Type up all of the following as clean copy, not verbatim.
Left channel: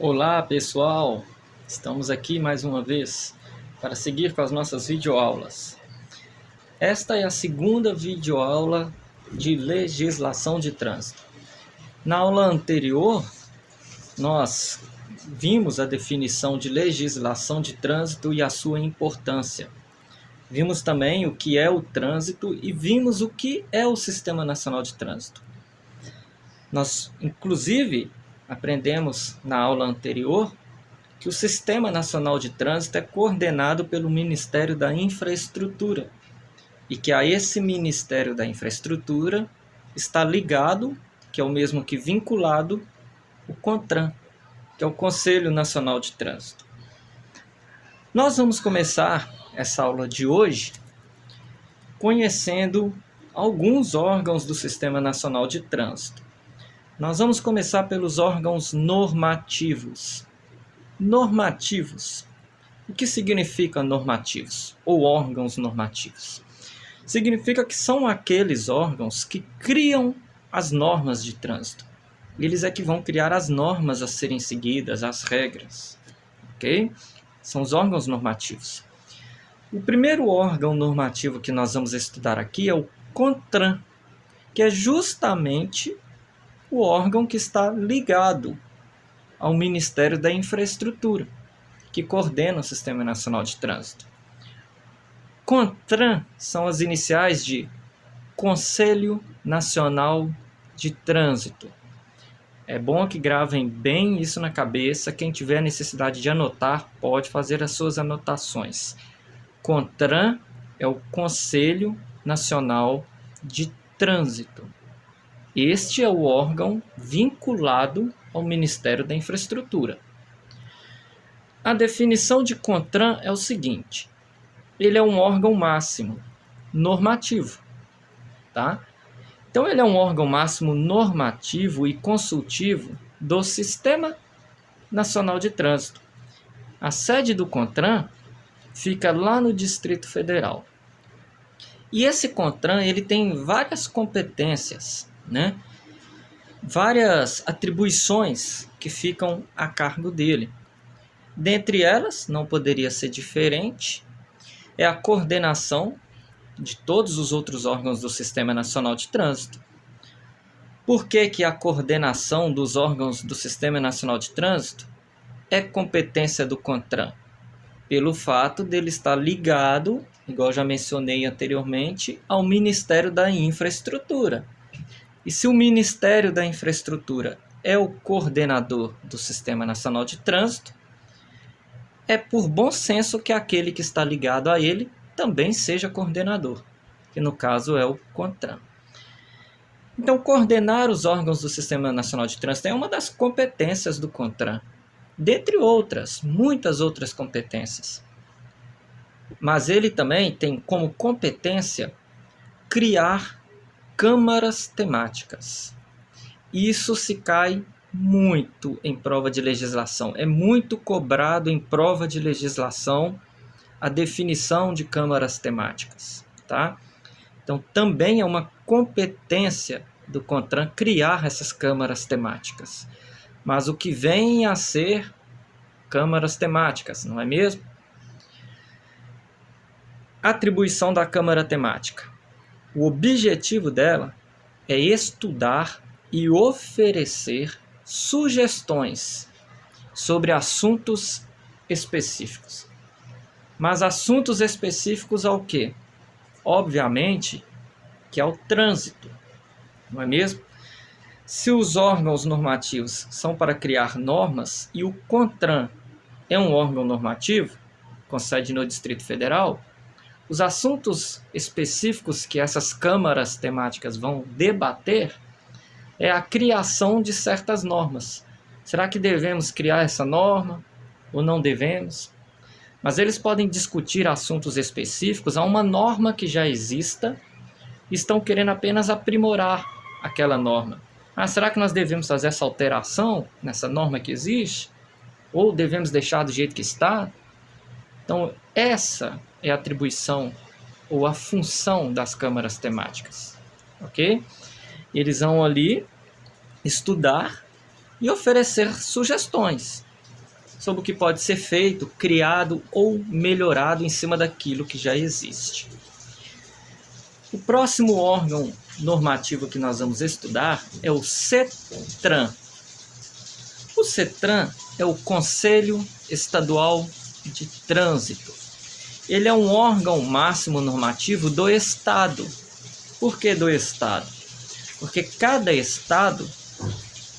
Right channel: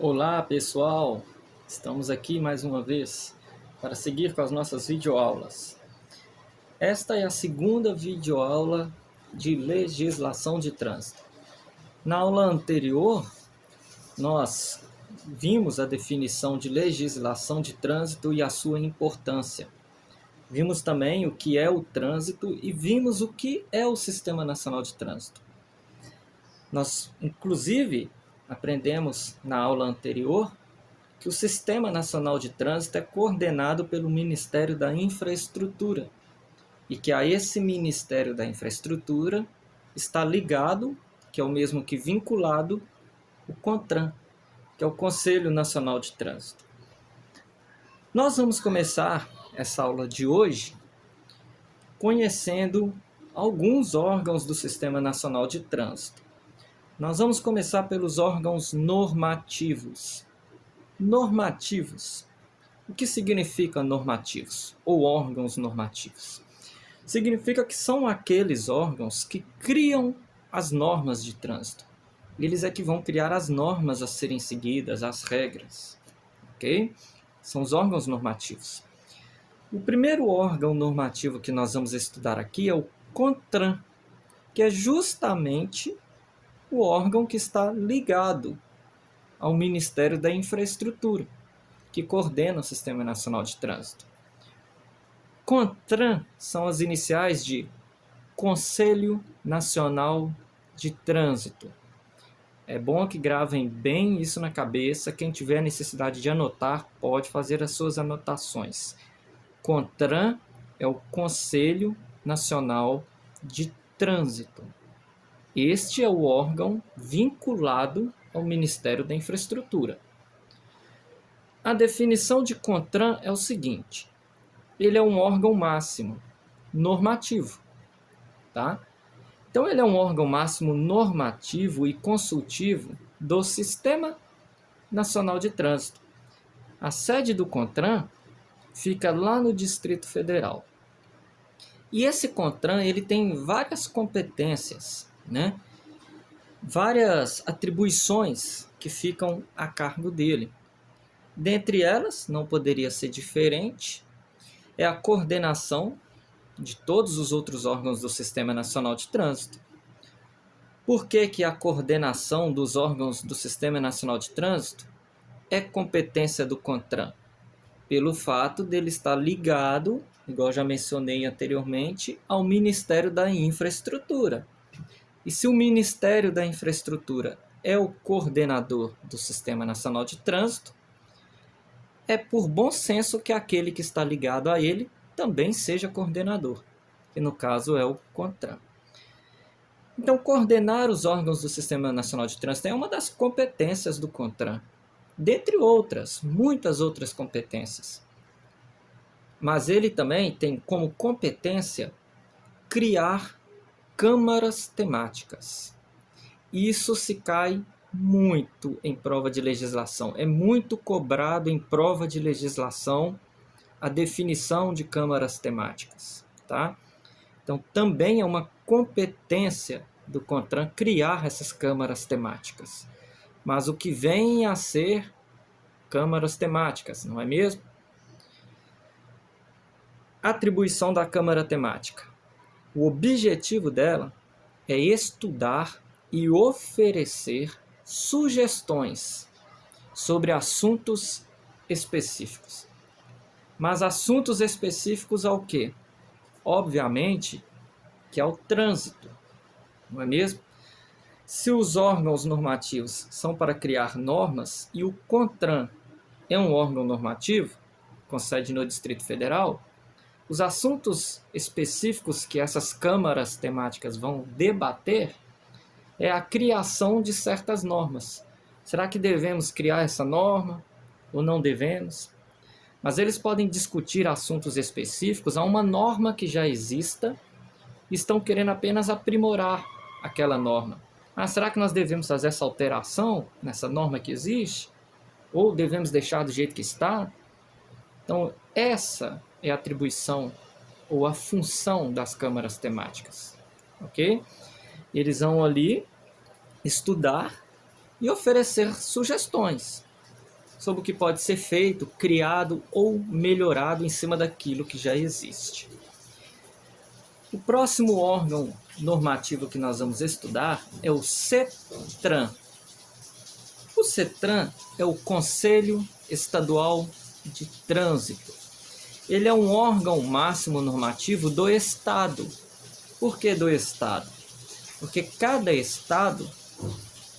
Olá pessoal, estamos aqui mais uma vez para seguir com as nossas videoaulas. Esta é a segunda videoaula de legislação de trânsito. Na aula anterior, nós vimos a definição de legislação de trânsito e a sua importância. Vimos também o que é o trânsito e vimos o que é o Sistema Nacional de Trânsito. Nós, inclusive, aprendemos na aula anterior que o Sistema Nacional de Trânsito é coordenado pelo Ministério da Infraestrutura e que a esse Ministério da Infraestrutura está ligado, que é o mesmo que vinculado, o CONTRAN, que é o Conselho Nacional de Trânsito. Nós vamos começar essa aula de hoje conhecendo alguns órgãos do Sistema Nacional de Trânsito. Nós vamos começar pelos órgãos normativos. Normativos. O que significa normativos ou órgãos normativos? Significa que são aqueles órgãos que criam as normas de trânsito. Eles é que vão criar as normas a serem seguidas, as regras. Ok? São os órgãos normativos. O primeiro órgão normativo que nós vamos estudar aqui é o CONTRAN, que é justamente o órgão que está ligado ao Ministério da Infraestrutura, que coordena o Sistema Nacional de Trânsito. CONTRAN são as iniciais de Conselho Nacional de Trânsito. É bom que gravem bem isso na cabeça. Quem tiver necessidade de anotar, pode fazer as suas anotações. CONTRAN é o Conselho Nacional de Trânsito. Este é o órgão vinculado ao Ministério da Infraestrutura. A definição de CONTRAN é o seguinte: ele é um órgão máximo normativo, tá? Então ele é um órgão máximo normativo e consultivo do Sistema Nacional de Trânsito. A sede do CONTRAN fica lá no Distrito Federal. E esse CONTRAN, ele tem várias competências, né? Várias atribuições que ficam a cargo dele. Dentre elas, não poderia ser diferente, é a coordenação de todos os outros órgãos do Sistema Nacional de Trânsito. Por que a coordenação dos órgãos do Sistema Nacional de Trânsito é competência do CONTRAN? Pelo fato dele estar ligado, igual já mencionei anteriormente, ao Ministério da Infraestrutura. E se o Ministério da Infraestrutura é o coordenador do Sistema Nacional de Trânsito, é por bom senso que aquele que está ligado a ele também seja coordenador, que no caso é o CONTRAN. Então, coordenar os órgãos do Sistema Nacional de Trânsito é uma das competências do CONTRAN, dentre outras, muitas outras competências. Mas ele também tem como competência criar câmaras temáticas. Isso se cai muito em prova de legislação. É muito cobrado em prova de legislação a definição de câmaras temáticas, tá? Então, também é uma competência do CONTRAN criar essas câmaras temáticas. Mas o que vem a ser câmaras temáticas, não é mesmo? Atribuição da câmara temática. O objetivo dela é estudar e oferecer sugestões sobre assuntos específicos. Mas assuntos específicos ao quê? Obviamente que ao trânsito, não é mesmo? Se os órgãos normativos são para criar normas e o CONTRAN é um órgão normativo, com sede no Distrito Federal, os assuntos específicos que essas câmaras temáticas vão debater é a criação de certas normas. Será que devemos criar essa norma ou não devemos? Mas eles podem discutir assuntos específicos a uma norma que já exista e estão querendo apenas aprimorar aquela norma. Será que nós devemos fazer essa alteração nessa norma que existe? Ou devemos deixar do jeito que está? Então, essa é a atribuição ou a função das câmaras temáticas. Ok? Eles vão ali estudar e oferecer sugestões. sobre o que pode ser feito, criado ou melhorado em cima daquilo que já existe. O próximo órgão normativo que nós vamos estudar é o CETRAN. O CETRAN é o Conselho Estadual de Trânsito. Ele é um órgão máximo normativo do Estado. Por que do Estado? Porque cada Estado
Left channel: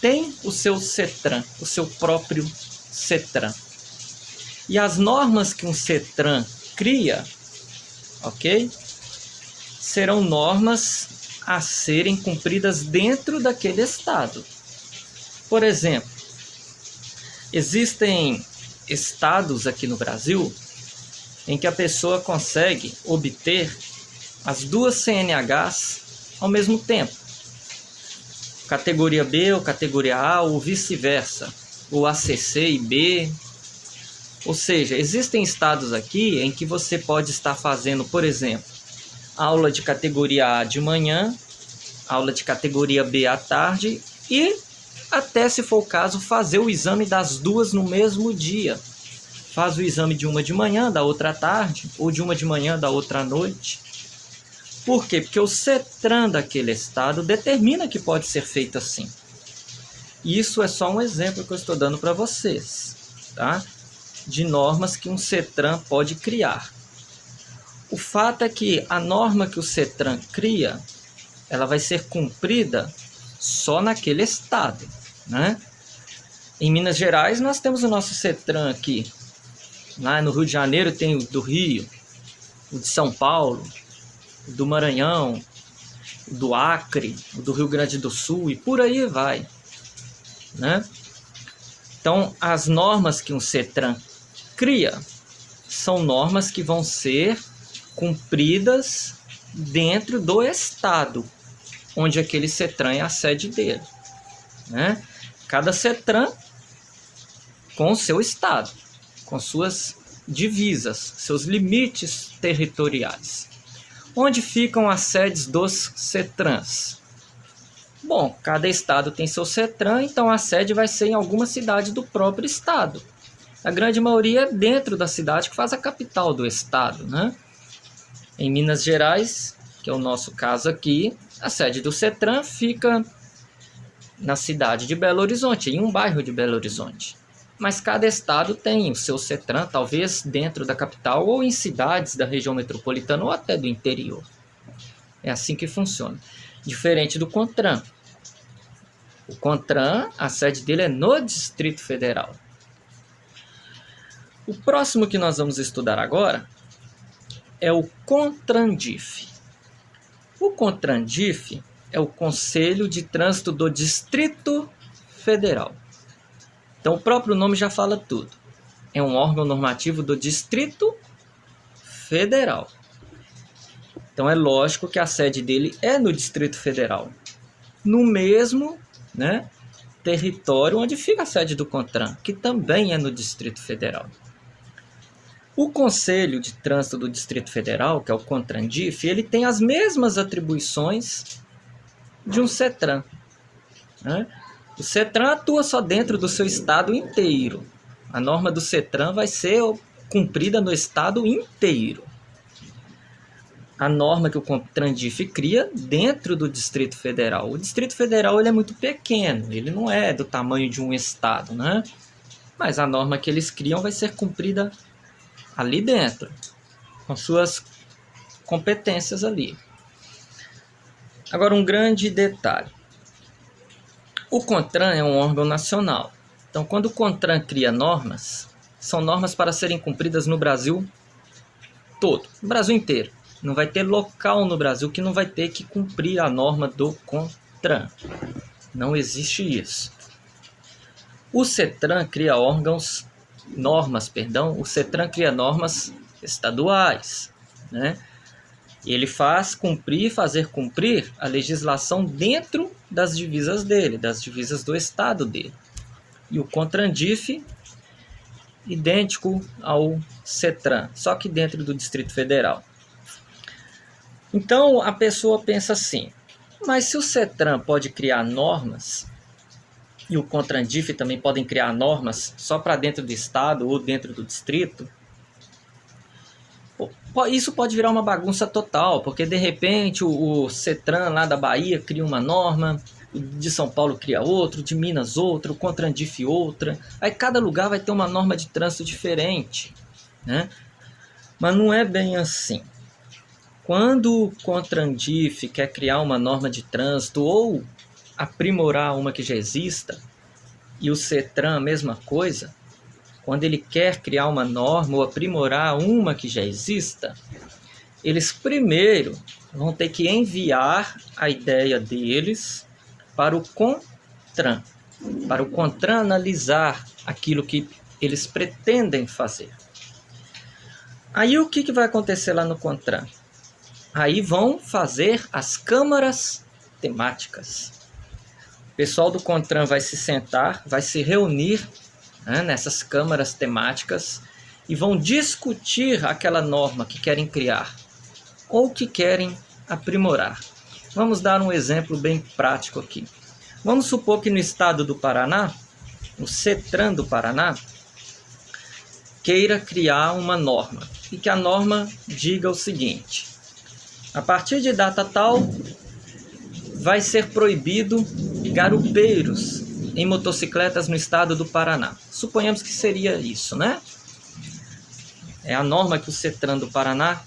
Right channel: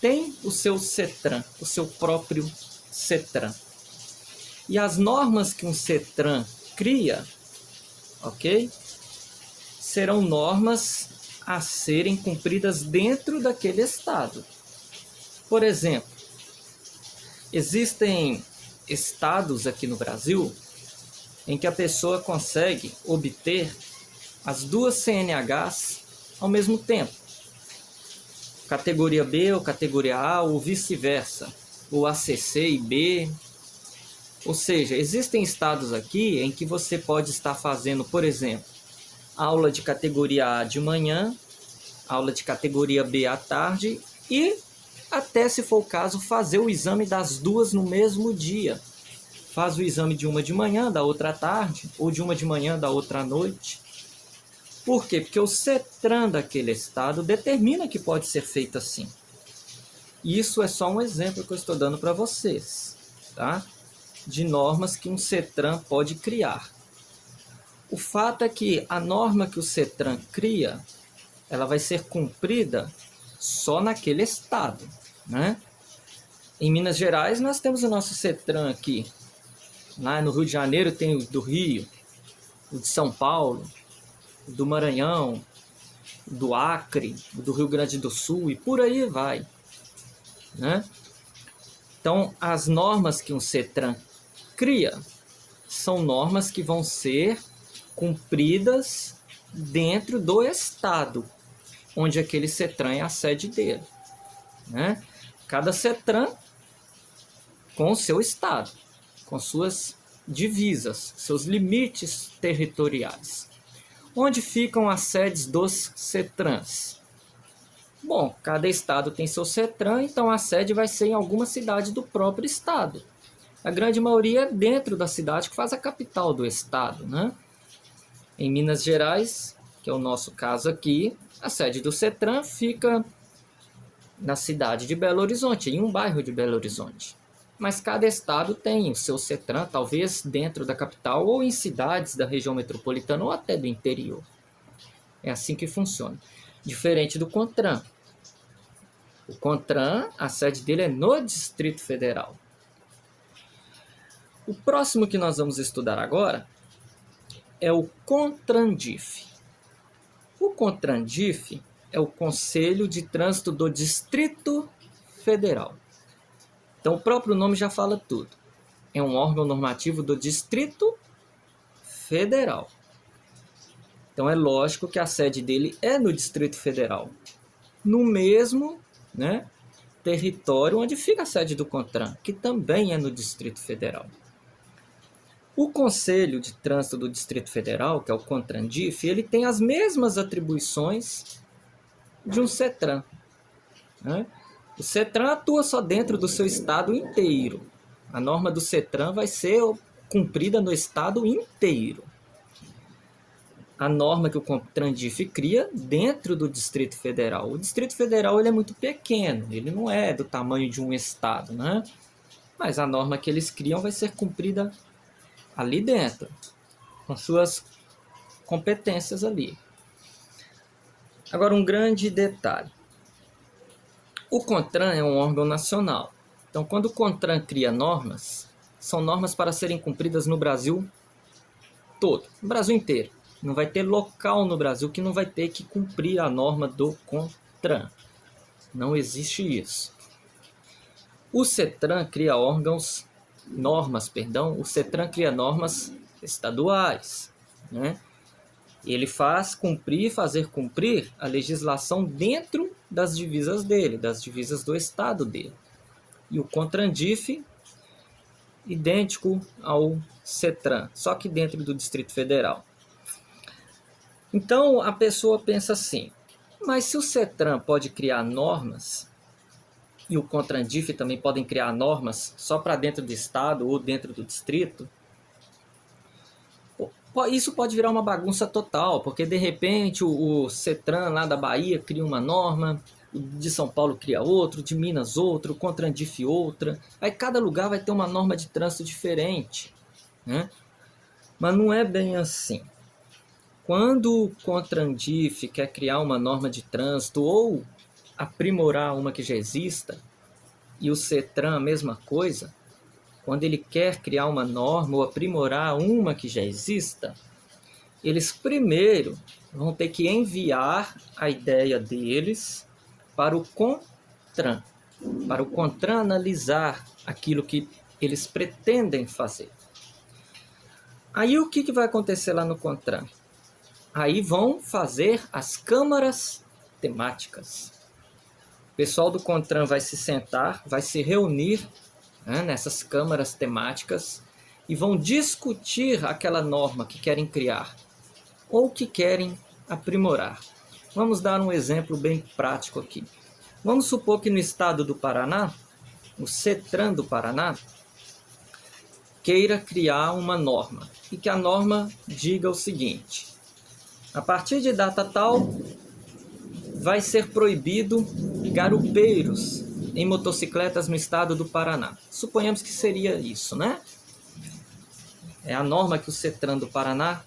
tem o seu CETRAN, o seu próprio CETRAN. E as normas que um CETRAN cria, ok? Serão normas a serem cumpridas dentro daquele Estado. Por exemplo, existem estados aqui no Brasil em que a pessoa consegue obter as duas CNHs ao mesmo tempo. Categoria B ou categoria A ou vice-versa, ou ACC e B. Ou seja, existem estados aqui em que você pode estar fazendo, por exemplo, aula de categoria A de manhã, aula de categoria B à tarde e, até se for o caso, fazer o exame das duas no mesmo dia. Faz o exame de uma de manhã, da outra à tarde, ou de uma de manhã, da outra à noite. Por quê? Porque o CETRAN daquele estado determina que pode ser feito assim. Isso é só um exemplo que eu estou dando para vocês, tá? De normas que um CETRAN pode criar. O fato é que a norma que o CETRAN cria, ela vai ser cumprida só naquele estado, né? Em Minas Gerais, nós temos o nosso CETRAN aqui. Lá no Rio de Janeiro tem o do Rio, o de São Paulo, o do Maranhão, o do Acre, o do Rio Grande do Sul e por aí vai, né? Então, as normas que um CETRAN cria são normas que vão ser cumpridas dentro do estado onde aquele CETRAN é a sede dele, né? Cada CETRAN com o seu estado, com suas divisas, seus limites territoriais. Onde ficam as sedes dos CETRANs? Bom, cada estado tem seu CETRAN, então a sede vai ser em alguma cidade do próprio estado. A grande maioria é dentro da cidade que faz a capital do estado, né? Em Minas Gerais, que é o nosso caso aqui, a sede do CETRAN fica na cidade de Belo Horizonte, em um bairro de Belo Horizonte. Mas cada estado tem o seu CETRAN, talvez dentro da capital ou em cidades da região metropolitana ou até do interior. É assim que funciona. Diferente do CONTRAN. O CONTRAN, a sede dele é no Distrito Federal. O próximo que nós vamos estudar agora é o CONTRANDIF. O CONTRANDIF é o Conselho de Trânsito do Distrito Federal. Então, o próprio nome já fala tudo. É um órgão normativo do Distrito Federal. Então, é lógico que a sede dele é no Distrito Federal. No mesmo, né, território onde fica a sede do CONTRAN, que também é no Distrito Federal. O Conselho de Trânsito do Distrito Federal, que é o CONTRANDIF, ele tem as mesmas atribuições de um CETRAN, né? O CETRAN atua só dentro do seu estado inteiro. A norma do CETRAN vai ser cumprida no estado inteiro. A norma que o CONTRANDIF cria dentro do Distrito Federal. O Distrito Federal ele é muito pequeno, ele não é do tamanho de um estado, né? Mas a norma que eles criam vai ser cumprida ali dentro, com suas competências ali. Agora, um grande detalhe. O CONTRAN é um órgão nacional. Então, quando o CONTRAN cria normas, são normas para serem cumpridas no Brasil todo, no Brasil inteiro. Não vai ter local no Brasil que não vai ter que cumprir a norma do CONTRAN. Não existe isso. O CETRAN cria o CETRAN cria normas estaduais, né? Ele fazer cumprir a legislação dentro das divisas dele, das divisas do estado dele. E o CONTRANDIF, idêntico ao CETRAN, só que dentro do Distrito Federal. Então, a pessoa pensa assim, mas se o CETRAN pode criar normas, e o CONTRANDIF também podem criar normas só para dentro do estado ou dentro do distrito, isso pode virar uma bagunça total, porque de repente o CETRAN lá da Bahia cria uma norma, o de São Paulo cria outro, de Minas outra, o CONTRANDIF outra, aí cada lugar vai ter uma norma de trânsito diferente, né? Mas não é bem assim. Quando o CONTRANDIF quer criar uma norma de trânsito ou aprimorar uma que já exista, e o CETRAN a mesma coisa, quando ele quer criar uma norma ou aprimorar uma que já exista, eles primeiro vão ter que enviar a ideia deles para o CONTRAN, para o CONTRAN analisar aquilo que eles pretendem fazer. Aí o que vai acontecer lá no CONTRAN? Aí vão fazer as câmaras temáticas. O pessoal do CONTRAN vai se sentar, vai se reunir, né, nessas câmaras temáticas e vão discutir aquela norma que querem criar ou que querem aprimorar. Vamos dar um exemplo bem prático aqui. Vamos supor que no estado do Paraná, no CETRAN do Paraná, queira criar uma norma e que a norma diga o seguinte: a partir de data tal, vai ser proibido garupeiros em motocicletas no estado do Paraná. Suponhamos que seria isso, né? É a norma que o CETRAN do Paraná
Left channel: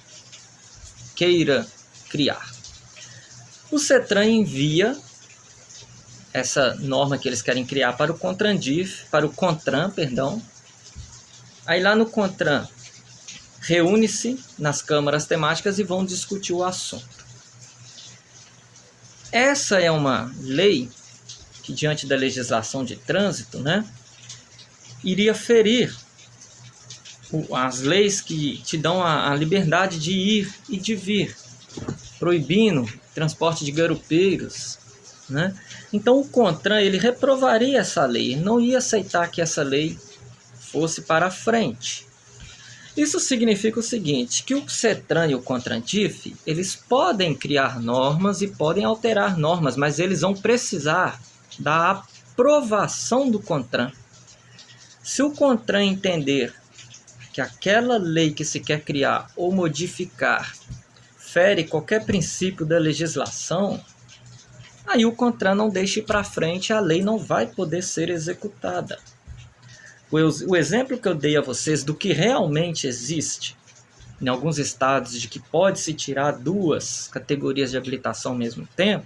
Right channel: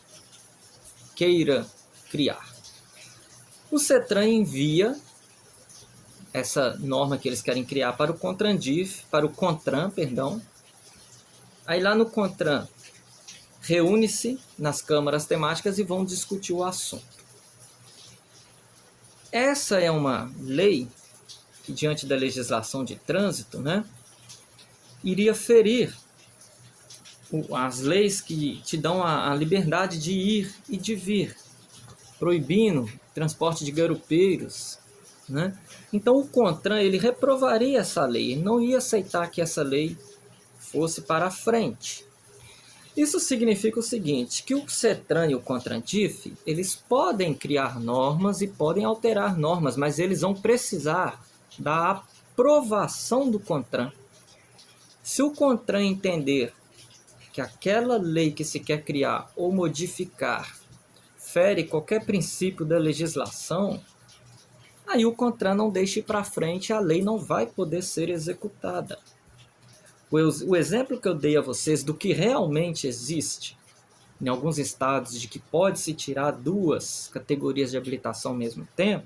queira criar. O CETRAN envia essa norma que eles querem criar para o CONTRAN, perdão. Aí lá no CONTRAN reúne-se nas câmaras temáticas e vão discutir o assunto. Essa é uma lei que, diante da legislação de trânsito, né, iria ferir as leis que te dão a liberdade de ir e de vir, proibindo transporte de garupeiros, né? Então o CONTRAN ele reprovaria essa lei, não ia aceitar que essa lei fosse para frente. Isso significa o seguinte, que o CETRAN e o CONTRANDIF, eles podem criar normas e podem alterar normas, mas eles vão precisar da aprovação do CONTRAN. Se o CONTRAN entender que aquela lei que se quer criar ou modificar fere qualquer princípio da legislação, aí o CONTRAN não deixa ir para frente, a lei não vai poder ser executada. O exemplo que eu dei a vocês do que realmente existe em alguns estados de que pode-se tirar 2 categorias de habilitação ao mesmo tempo,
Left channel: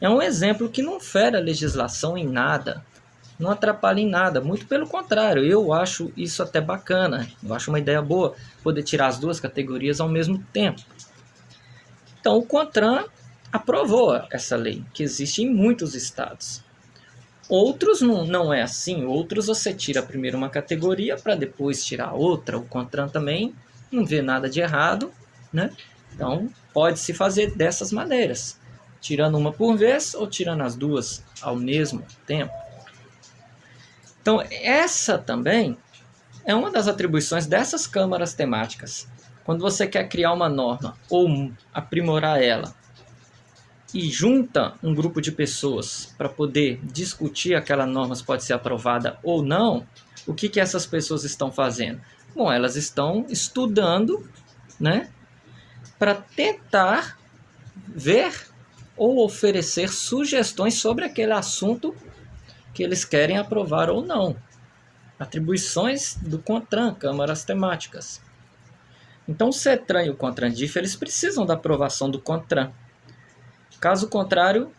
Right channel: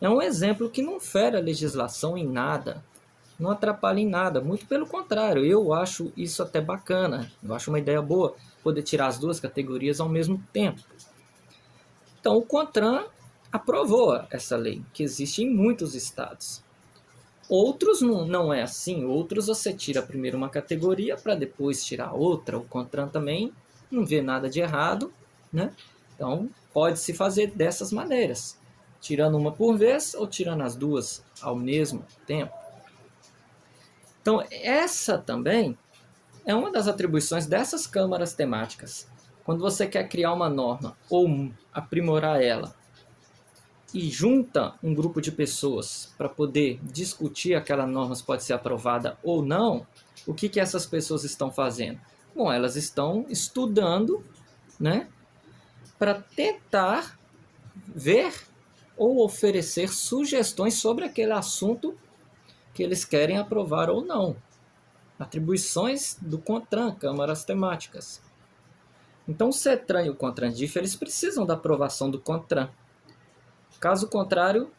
é um exemplo que não fere a legislação em nada, não atrapalha em nada, muito pelo contrário, eu acho isso até bacana, eu acho uma ideia boa poder tirar as 2 categorias ao mesmo tempo. Então o CONTRAN aprovou essa lei, que existe em muitos estados. Outros não é assim, outros você tira primeiro uma categoria para depois tirar outra, o CONTRAN também não vê nada de errado, né? Então pode-se fazer dessas maneiras, tirando uma por vez ou tirando as 2 ao mesmo tempo. Então essa também é uma das atribuições dessas câmaras temáticas. Quando você quer criar uma norma ou aprimorar ela, e junta um grupo de pessoas para poder discutir aquela norma se pode ser aprovada ou não, o que essas pessoas estão fazendo? Bom, elas estão estudando, né, para tentar ver ou oferecer sugestões sobre aquele assunto que eles querem aprovar ou não. Atribuições do CONTRAN, câmaras temáticas. Então o CETRAN e o CONTRANDIF, eles precisam da aprovação do CONTRAN. Caso contrário,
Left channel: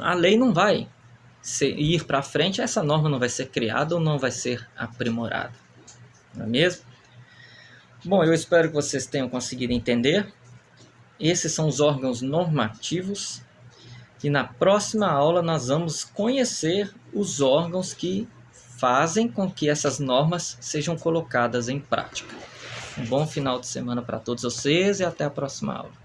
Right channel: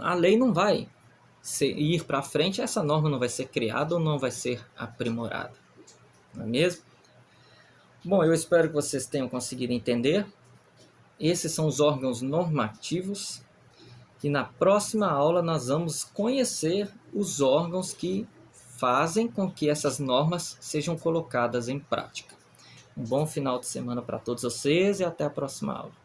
a lei não vai ir para frente, essa norma não vai ser criada ou não vai ser aprimorada. Não é mesmo? Bom, eu espero que vocês tenham conseguido entender. Esses são os órgãos normativos. E na próxima aula nós vamos conhecer os órgãos que fazem com que essas normas sejam colocadas em prática. Um bom final de semana para todos vocês e até a próxima aula.